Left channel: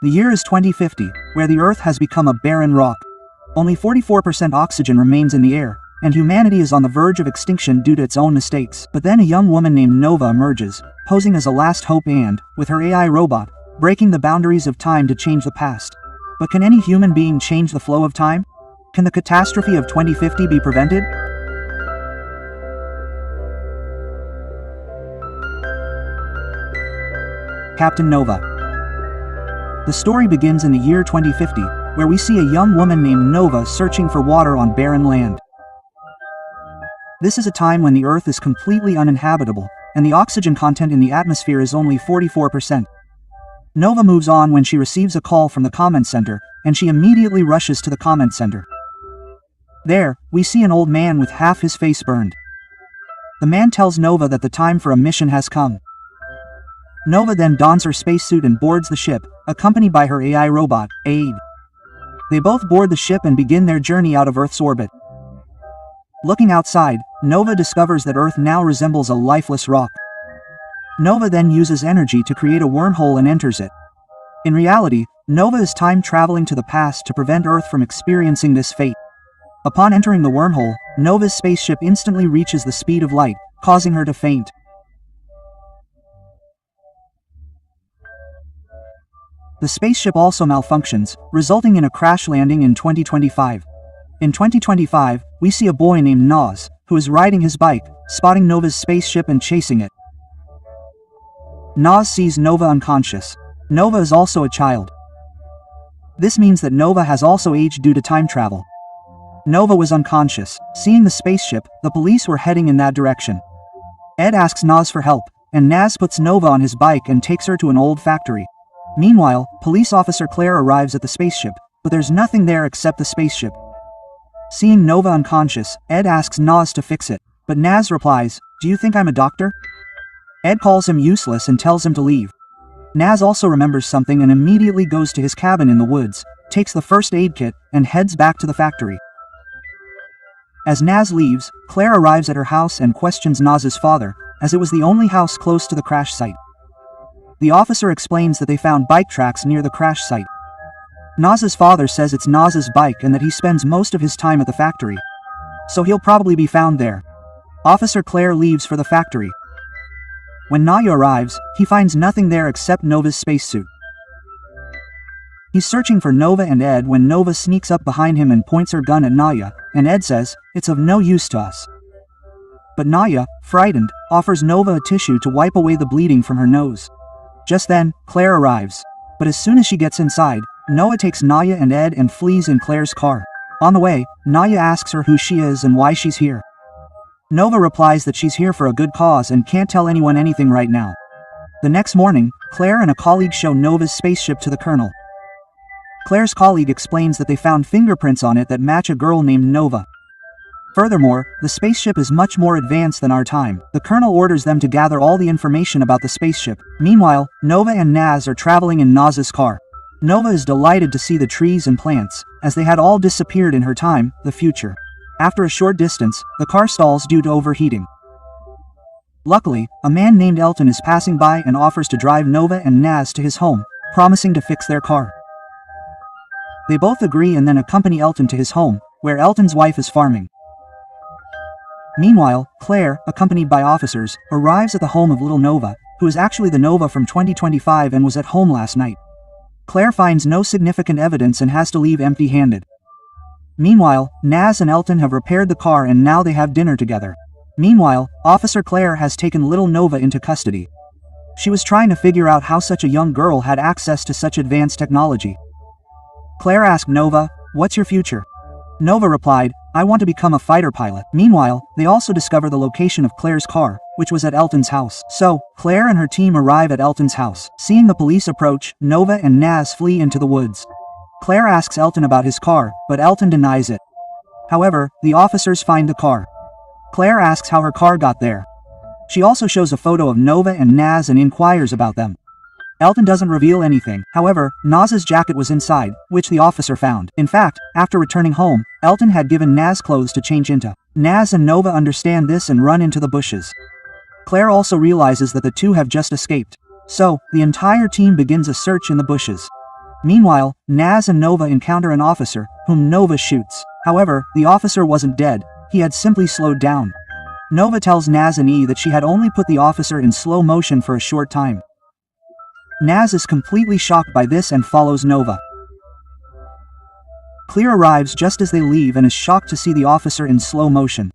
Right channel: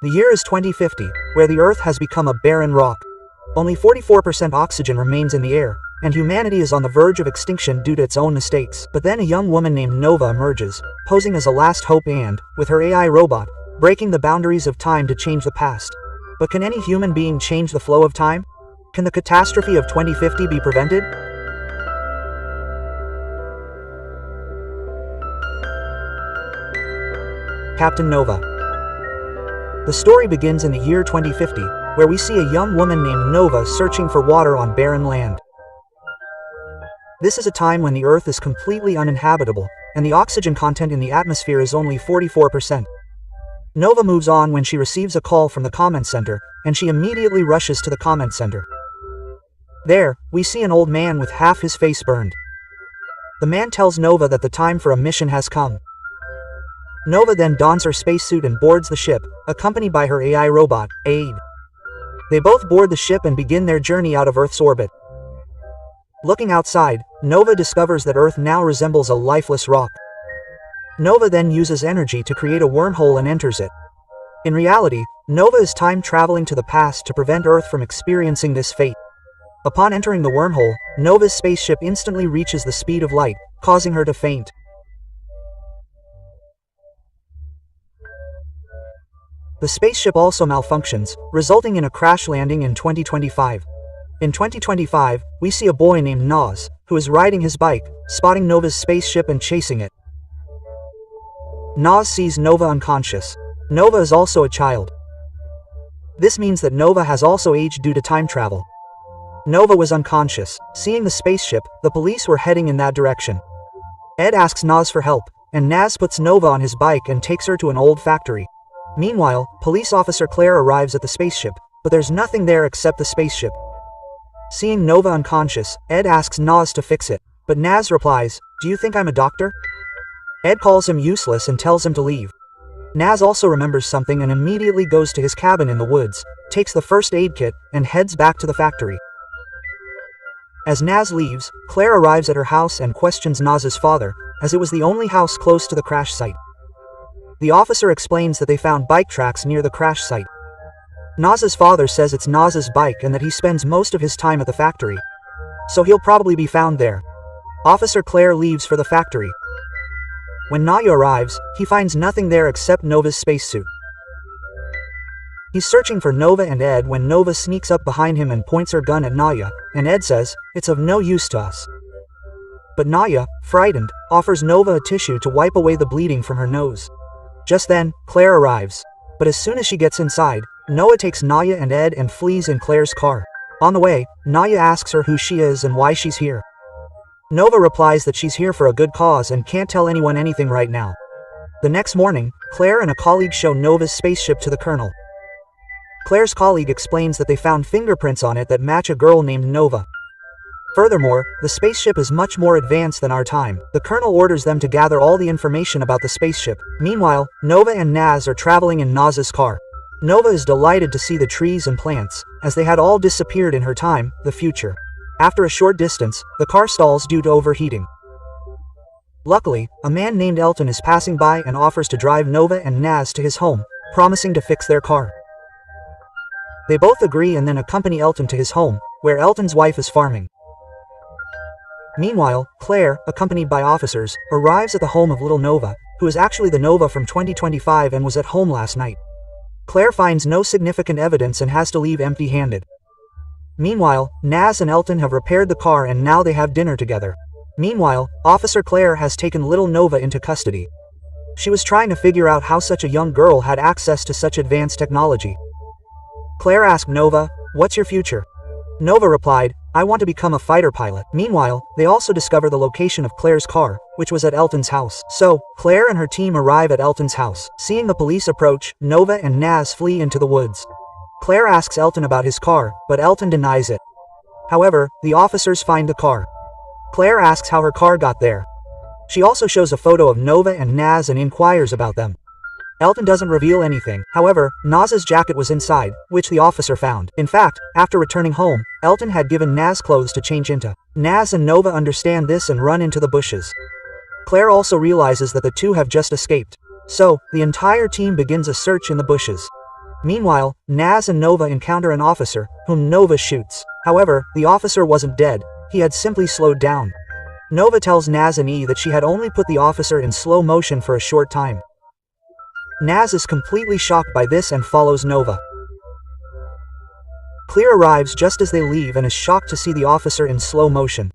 The year is 2050, where the Earth has become a barren rock. Only 44% oxygen remains in the air, and humanity is on the verge of extinction due to its own mistakes. But then a young woman named Nova emerges, posing as a last hope and, with her AI robot, breaking the boundaries of time to change the past. But can any human being change the flow of time? Can the catastrophe of 2050 be prevented? Captain Nova. The story begins in the year 2050, where we see a young woman named Nova searching for water on barren land. This is a time when the Earth is completely uninhabitable, and the oxygen content in the atmosphere is only 44%. Nova moves on when she receives a call from the comment center, and she immediately rushes to the comment center. There, we see an old man with half his face burned. The man tells Nova that the time for a mission has come. Nova then dons her spacesuit and boards the ship, accompanied by her AI robot, Aid. They both board the ship and begin their journey out of Earth's orbit. Looking outside, Nova discovers that Earth now resembles a lifeless rock. Nova then uses energy to create a wormhole and enters it. In reality, Nova is time traveling to the past to prevent Earth from experiencing this fate. Upon entering the wormhole, Nova's spaceship instantly reaches the speed of light, causing her to faint. The spaceship also malfunctions, resulting in a crash landing in 2025. In 2025, we see a boy named Naz, who is riding his bike, spotting Nova's spaceship and chasing it. Naz sees Nova unconscious. Nova is also a child. This means that Nova has also aged due to time travel. Nova was unconscious. Seeing the spaceship, the police were heading in that direction. Ed asks Naz for help, and Naz puts Nova on his bike and takes her to an old factory. Meanwhile, police officer Claire arrives at the spaceship, but there's nothing there except the spaceship. Seeing Nova unconscious, Ed asks Naz to fix it, but Naz replies, "Do you think I'm a doctor?" Ed calls him useless and tells him to leave. Naz also remembers something and immediately goes to his cabin in the woods, takes the first aid kit, and heads back to the factory. As Naz leaves, Claire arrives at her house and questions Naz's father, as it was the only house close to the crash site. The officer explains that they found bike tracks near the crash site. Naz's father says it's Naz's bike and that he spends most of his time at the factory. So he'll probably be found there. Officer Claire leaves for the factory. When Naya arrives, he finds nothing there except Nova's spacesuit. He's searching for Nova and Ed when Nova sneaks up behind him and points her gun at Naya, and Ed says, "It's of no use to us." But Naya, frightened, offers Nova a tissue to wipe away the bleeding from her nose. Just then, Claire arrives. But as soon as she gets inside, Noah takes Naya and Ed and flees in Claire's car. On the way, Naya asks her who she is and why she's here. Nova replies that she's here for a good cause and can't tell anyone anything right now. The next morning, Claire and a colleague show Nova's spaceship to the colonel. Claire's colleague explains that they found fingerprints on it that match a girl named Nova. Furthermore, the spaceship is much more advanced than our time. The colonel orders them to gather all the information about the spaceship. Meanwhile, Nova and Naz are traveling in Naz's car. Nova is delighted to see the trees and plants, as they had all disappeared in her time, the future. After a short distance, the car stalls due to overheating. Luckily, a man named Elton is passing by and offers to drive Nova and Naz to his home, promising to fix their car. They both agree and then accompany Elton to his home, where Elton's wife is farming. Meanwhile, Claire, accompanied by officers, arrives at the home of little Nova, who is actually the Nova from 2025 and was at home last night. Claire finds no significant evidence and has to leave empty-handed. Meanwhile, Naz and Elton have repaired the car and now they have dinner together. Meanwhile, Officer Claire has taken little Nova into custody. She was trying to figure out how such a young girl had access to such advanced technology. Claire asked Nova, "What's your future?" Nova replied, "I want to become a fighter pilot." Meanwhile, they also discover the location of Claire's car, which was at Elton's house. So, Claire and her team arrive at Elton's house. Seeing the police approach, Nova and Naz flee into the woods. Claire asks Elton about his car, but Elton denies it. However, the officers find the car. Claire asks how her car got there. She also shows a photo of Nova and Naz and inquires about them. Elton doesn't reveal anything. However, Naz's jacket was inside, which the officer found. In fact, after returning home, Elton had given Naz clothes to change into. Naz and Nova understand this and run into the bushes. Claire also realizes that the two have just escaped. So, the entire team begins a search in the bushes. Meanwhile, Naz and Nova encounter an officer, whom Nova shoots. However, the officer wasn't dead, he had simply slowed down. Nova tells Naz and E that she had only put the officer in slow motion for a short time. Naz is completely shocked by this and follows Nova. Claire arrives just as they leave and is shocked to see the officer in slow motion.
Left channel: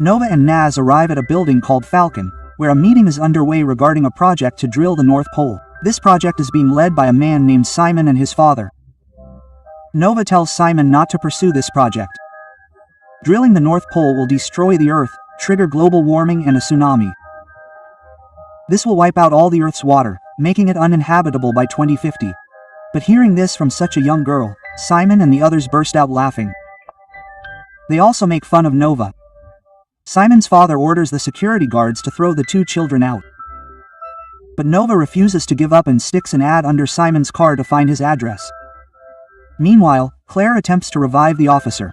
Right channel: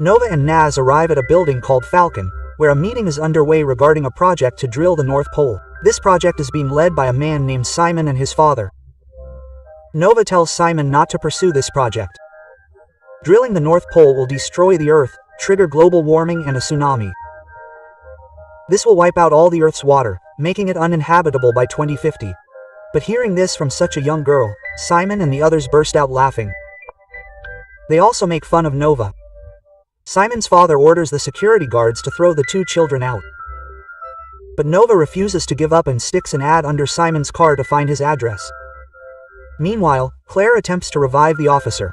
Nova and Naz arrive at a building called Falcon, where a meeting is underway regarding a project to drill the North Pole. This project is being led by a man named Simon and his father. Nova tells Simon not to pursue this project. Drilling the North Pole will destroy the Earth, trigger global warming and a tsunami. This will wipe out all the Earth's water, making it uninhabitable by 2050. But hearing this from such a young girl, Simon and the others burst out laughing. They also make fun of Nova. Simon's father orders the security guards to throw the two children out. But Nova refuses to give up and sticks an ad under Simon's car to find his address. Meanwhile, Claire attempts to revive the officer.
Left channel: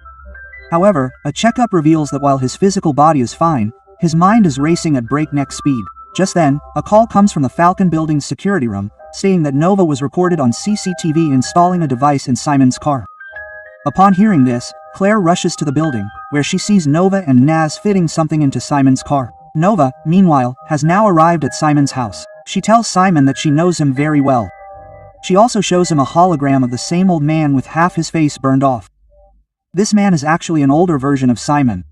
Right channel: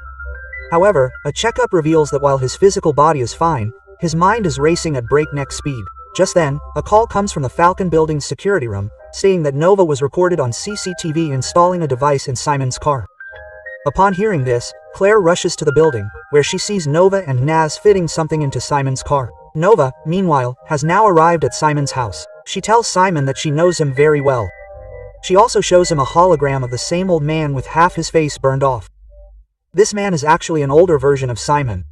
However, a checkup reveals that while his physical body is fine, his mind is racing at breakneck speed. Just then, a call comes from the Falcon building's security room, stating that Nova was recorded on CCTV installing a device in Simon's car. Upon hearing this, Claire rushes to the building, where she sees Nova and Naz fitting something into Simon's car. Nova, meanwhile, has now arrived at Simon's house. She tells Simon that she knows him very well. She also shows him a hologram of the same old man with half his face burned off. This man is actually an older version of Simon.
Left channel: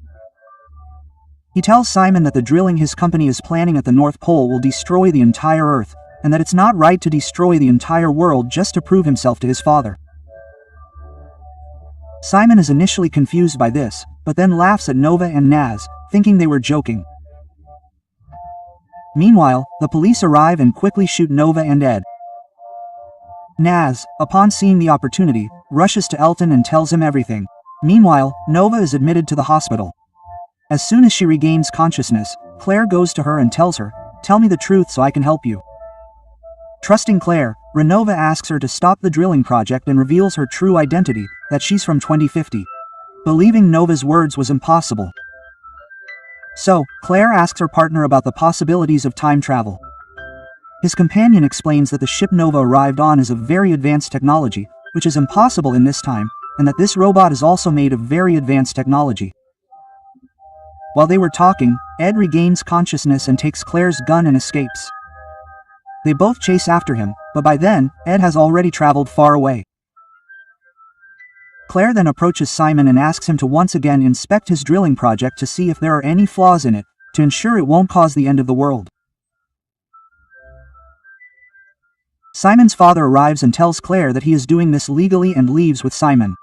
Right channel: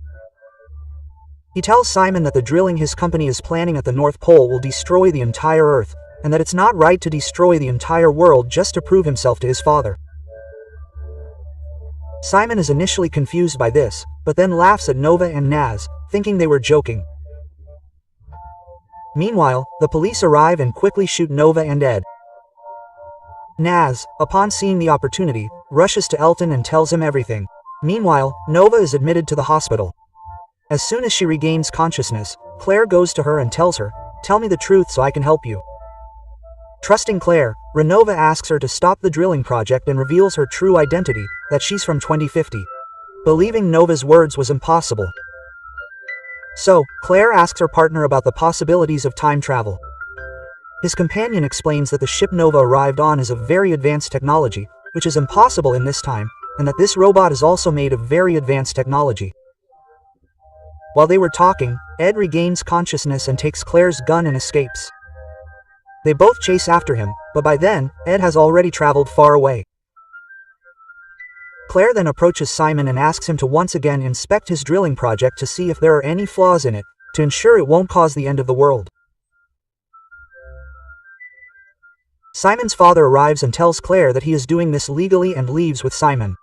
He tells Simon that the drilling his company is planning at the North Pole will destroy the entire Earth, and that it's not right to destroy the entire world just to prove himself to his father. Simon is initially confused by this, but then laughs at Nova and Naz, thinking they were joking. Meanwhile, the police arrive and quickly shoot Nova and Ed. Naz, upon seeing the opportunity, rushes to Elton and tells him everything. Meanwhile, Nova is admitted to the hospital. As soon as she regains consciousness, Claire goes to her and tells her, "Tell me the truth so I can help you." Trusting Claire, Renova asks her to stop the drilling project and reveals her true identity, that she's from 2050. Believing Nova's words was impossible. So, Claire asks her partner about the possibilities of time travel. His companion explains that the ship Nova arrived on is of very advanced technology, which is impossible in this time, and that this robot is also made of very advanced technology. While they were talking, Ed regains consciousness and takes Claire's gun and escapes. They both chase after him, but by then, Ed has already traveled far away. Claire then approaches Simon and asks him to once again inspect his drilling project to see if there are any flaws in it, to ensure it won't cause the end of the world. Simon's father arrives and tells Claire that he is doing this legally and leaves with Simon.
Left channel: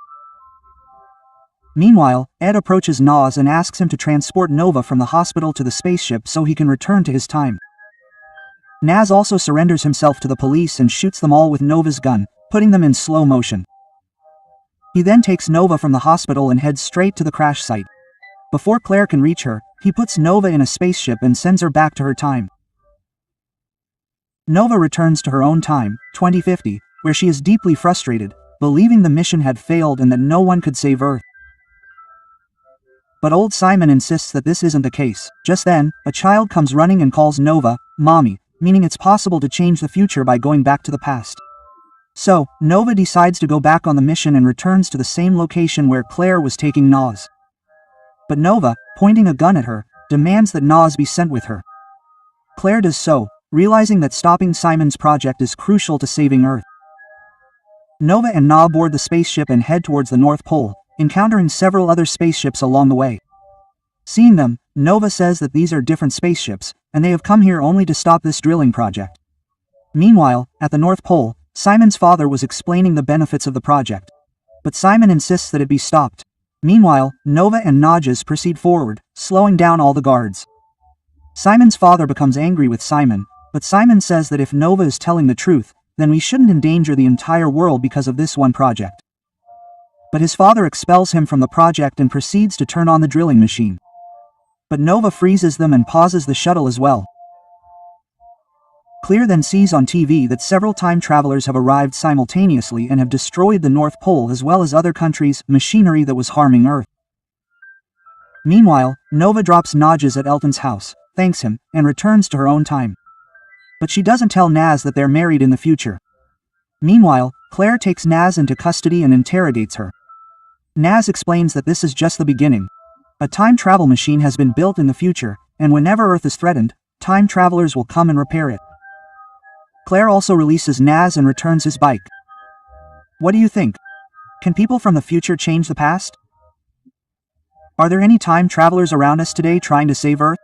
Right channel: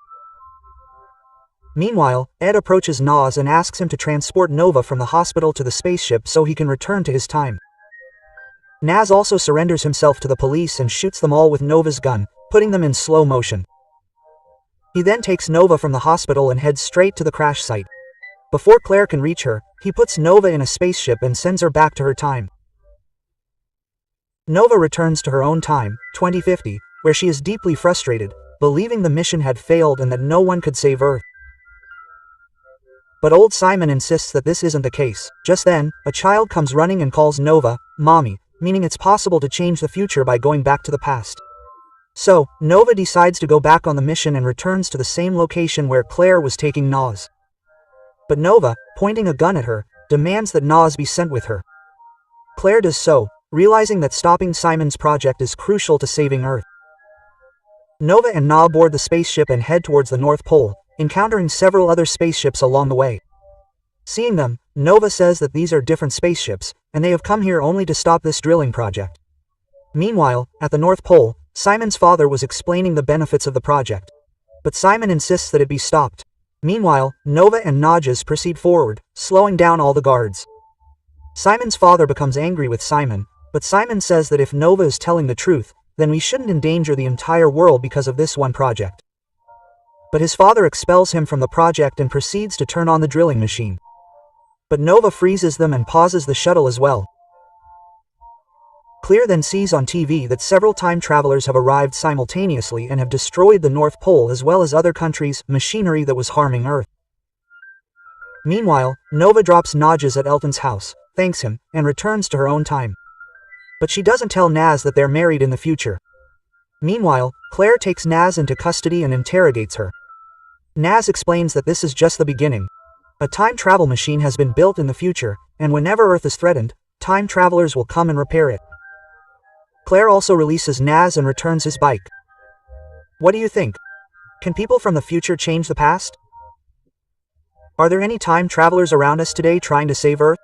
Meanwhile, Ed approaches Naz and asks him to transport Nova from the hospital to the spaceship so he can return to his time. Naz also surrenders himself to the police and shoots them all with Nova's gun, putting them in slow motion. He then takes Nova from the hospital and heads straight to the crash site. Before Claire can reach her, he puts Nova in a spaceship and sends her back to her time. Nova returns to her own time, 2050, where she is deeply frustrated, believing the mission had failed and that no one could save Earth. But old Simon insists that this isn't the case. Just then, a child comes running and calls Nova, "Mommy," meaning it's possible to change the future by going back to the past. So, Nova decides to go back on the mission and returns to the same location where Claire was taking Naz. But Nova, pointing a gun at her, demands that Naz be sent with her. Claire does so, realizing that stopping Simon's project is crucial to saving Earth. Nova and Na board the spaceship and head towards the North Pole, encountering several other spaceships along the way. Seeing them, Nova says that these are different spaceships, and they have come here only to stop this drilling project. Meanwhile, at the North Pole, Simon's father was explaining the benefits of the project. But Simon insists that it be stopped. Meanwhile, Nova and Najas proceed forward, slowing down all the guards. Simon's father becomes angry with Simon, but Simon says that if Nova is telling the truth, then we shouldn't endanger the entire world because of this one project. But his father expels him from the project and proceeds to turn on the drilling machine. But Nova freezes them and pauses the shuttle as well. Claire then sees on TV that several time travelers have arrived simultaneously and have destroyed the North Pole as well as other countries' machinery that was harming Earth. Meanwhile, Nova drops Najas at Elton's house, thanks him, and returns to her own time. But she doesn't tell Naz that they're married in the future. Meanwhile, Claire takes Naz into custody and interrogates her. Naz explains that this is just the beginning. A time travel machine has been built in the future, and whenever Earth is threatened, time travelers will come and repair it. Claire also releases Naz and returns his bike. What do you think? Can people from the future change the past? Are there any time travelers around us today trying to save Earth?